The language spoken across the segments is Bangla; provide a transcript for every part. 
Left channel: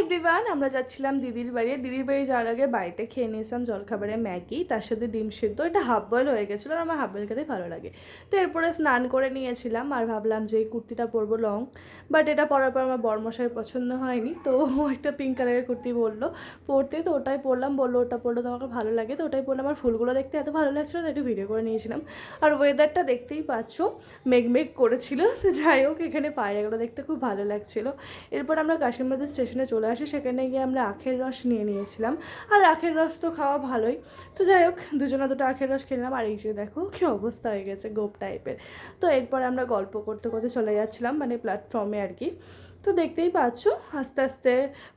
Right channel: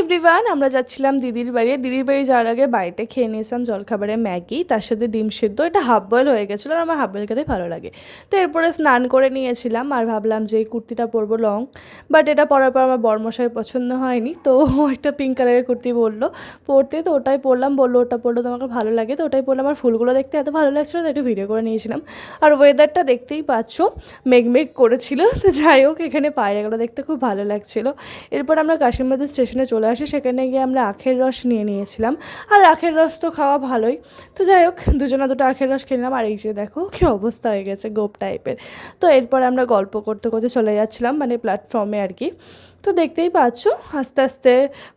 এভরিওয়ান, আমরা যাচ্ছিলাম দিদির বাড়ি যাওয়ার আগে বাড়িতে খেয়ে নিয়েছিলাম জলখাবারে ম্যাগি, তার সাথে ডিম সিদ্ধ। এটা হাফ বয়েল হয়ে গেছিলো আর আমার হাফ বয়েল খেতে ভালো লাগে। তো এরপরে স্নান করে নিয়েছিলাম আর ভাবলাম যে এই কুর্তিটা পরবো লং, বাট এটা পরার পর আমার বরমশাইয়ের পছন্দ হয়নি, তো ও একটা পিঙ্ক কালারের কুর্তি বললো পরতে, তো ওটাই পরলাম। বললো ওটা পরলে তোমাকে ভালো লাগে, তো ওটাই পরলাম। আর ফুলগুলো দেখতে এত ভালো লাগছিলো, তো একটু ভিডিও করে নিয়েছিলাম। আর ওয়েদারটা দেখতেই পাচ্ছ, মেঘ করেছিল। তো যাই হোক, এখানে পায়রাগুলো দেখতে খুব ভালো লাগছিলো। এরপর আমরা কাশিমবাজার স্টেশনে চলে আসি, সেখানে গিয়ে আমরা আখের রস নিয়েছিলাম। আর আখের রস তো খাওয়া ভালোই, তো যাই হোক দুজনা দুটো আখের রস খেলাম। আর এই যে দেখো কী অবস্থা হয়ে গেছে, গোপ টাইপের। তো এরপর আমরা গল্প করতে করতে চলে যাচ্ছিলাম, মানে প্ল্যাটফর্মে আর কি। তো দেখতেই পাচ্ছ আস্তে আস্তে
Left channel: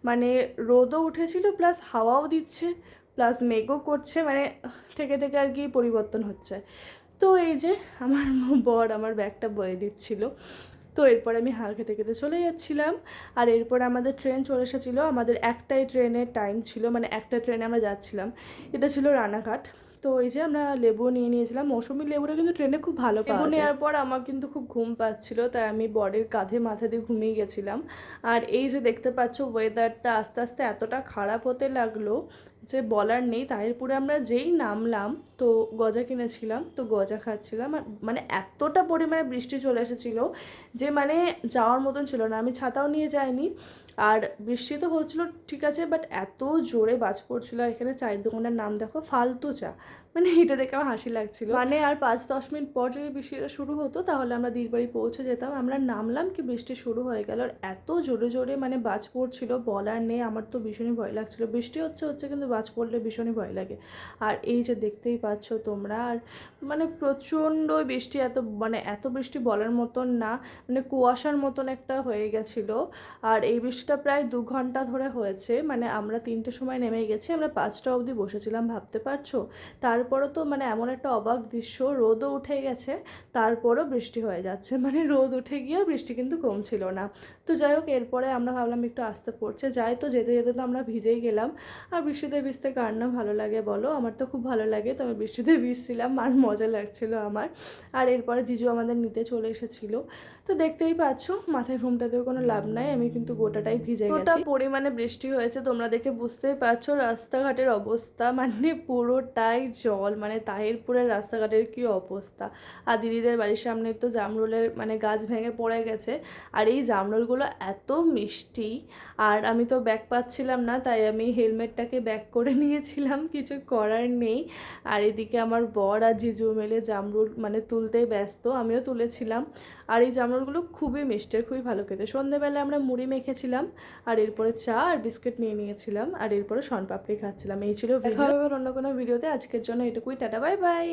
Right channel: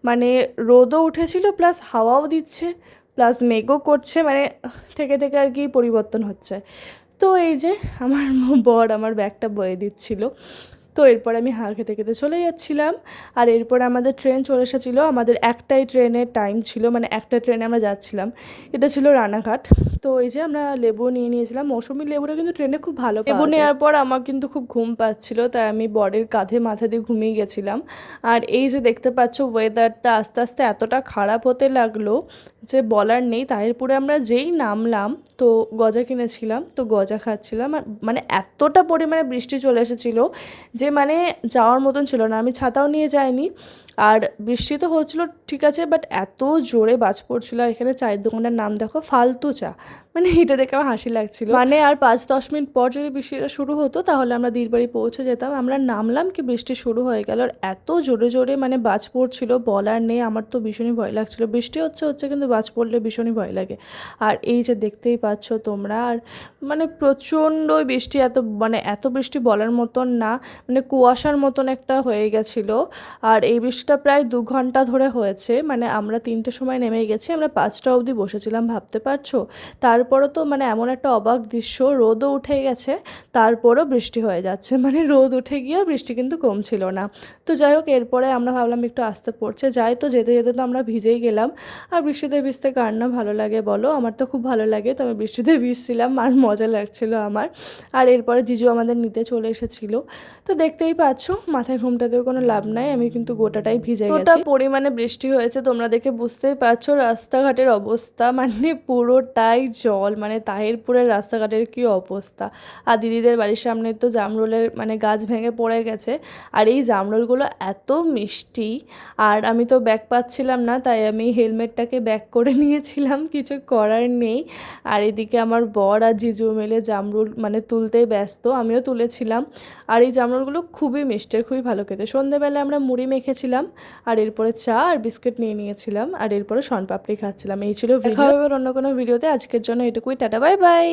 মানে রোদও উঠেছিল, প্লাস হাওয়াও দিচ্ছে, প্লাস মেঘও করছে, মানে থেকে থেকে আর কি পরিবর্তন হচ্ছে। তো এই যে আমার বর আমার ব্যাগটা বয়ে দিচ্ছিল। তো এরপর আমি হাঁ খেতে খেতে চলে যাচ্ছিলাম। আর এরপর আমাদের ট্রেন চলে এসেছিলো। আমাদের একটাই ট্রেনের টাইম ছিল, মানে একটা ট্রেনে আমরা যাচ্ছিলাম, এটা ছিল রানাঘাট। তো এই যে আমরা লেবু নিয়েছিলাম, মৌসুমি লেবুটা কিন্তু ট্রেনে খুব ভালো পাওয়া যায়। লেবু নেওয়ার পর আমার কিন্তু খুব ঘুম পাচ্ছিল, তাই আমি বরের কাঁধে মাথা দিয়ে ঘুমিয়ে গেছিলাম। আর এই যে দেখতে পাচ্ছ ওয়েদারটা আস্তে আস্তে এতটা খারাপ হতে লাগলো যে বলার নেই। তারপরে আমরা যেই নামলাম, তো গজা কিনেছিলাম, তো গজা খাচ্ছিলাম। আর মানে এতটা পরিমাণে বৃষ্টি চলে এসেছিলো যে মানে যাওয়ার মতন ছিল না। আমি ছাতাও নিয়ে যাইনি। আর বৃষ্টি তো হচ্ছিলো ঠিক আছে, বাট এত জোরে বাজ পড়ছিল। আর এখানে চায়ের দোকানের নাম দেখো, ফালতু চা। মানে এটা দেখে আমার হাসি লাগছিল। মানে আর 5-10 মিনিট পর যদি বৃষ্টিটা শুরু হতো, তাহলে আমরা দিদির বাড়ি পৌঁছে যেতাম। আমরা নামলাম কি বৃষ্টি শুরু হয়ে গেল। আর এত জোরে জোরে মানে বাজ পড়ছিল, বলার নেই। আমার তো ভীষণই ভয় লাগছিলো। বৃষ্টি হচ্ছে কিন্তু বাজ পড়লে ভীষণই ভয় লাগে। আর এই যে দেখতেই পাচ্ছ তোমরা, আর মানে প্রচণ্ড বৃষ্টি, এত বৃষ্টি বলার মতন না, মানে কুয়াশার মতন একটা হয়ে গেছিলো। আর এই বৃষ্টিটা প্রায় 2 ঘন্টা ধরে হয়েছে। মানে আমরা 3টের সময় নেমে গেছি, আমরা 5টা অবধি বসেছিলাম, ভাবতে পারছো। তারপরও তো মানে এমন একটা অবাক দৃশ্য, রোদও উঠে গেছে, তারপরও বৃষ্টি হয়ে যাচ্ছে। মানে রোদ উঠে গিয়েও বৃষ্টি কিন্তু কমছিল না। তো যাই হোক, এরপরে আমরা ভাবলাম একটু আসতে পড়ছে যাই, তো যেতে যেতে তো আমরা ভিজেই গেলাম। আর বৃষ্টিতে ভিজতে কার না ভালো লাগে বলো, আমার তো খুব ভালো লাগে। তো আমি বৃষ্টিতে ভিজছিলাম আর মজা লাগছিলো আমার। আর এরপরে জিজু আমাদের নিতে চলে এসেছিলো। তো দেখতেই পাচ্ছ, মাথায় ঘুমটাতেও কোনো লাভ নাই, আমি কিন্তু গোটাটাই ভিজে গেছি। তোটা পরিমাণে বৃষ্টি হয়েছে, তোমরা দেখে বুঝতেই পারছো রাস্তাঘাটের অবস্থা, মানে পুরোটাই জল। মানে তাহিরপুরের রাস্তাঘাটের কী অবস্থা। আর দিদিদের বাড়ির সামনে তো জামরুলের মানে গাছ ভেঙে পড়ে গেছে। আর এই জামরুলগুলো এত মিষ্টি, আর আমি তো ব্যাগ পাচ্ছিলাম না, তাই আমি হেলমেটটাকে ব্যাগ করে নিয়েছিলাম, কিছু করার নেই। আর এদিকে আমার বর আর জিজু মিলে জামরুল মানে তুলতেই ব্যস্ত, আমিও তুলেছিলাম। আর এই জামরুলগুলো খুবই মিষ্টি, খুবই ভালো খেতে। সন্ধ্যেবেলায় আমরা মুড়ি মেখেছিলাম, আর এরপরে চা আর বিস্কিট নিয়েছিলাম, আর এরপরে শনপাপড়ি খাচ্ছিলাম। এই ছিল ভিডিও। দেখা হবে অন্য কোনো ভিডিওতে, আজকের জন্য এটুকুই, টাটা বাই বাই।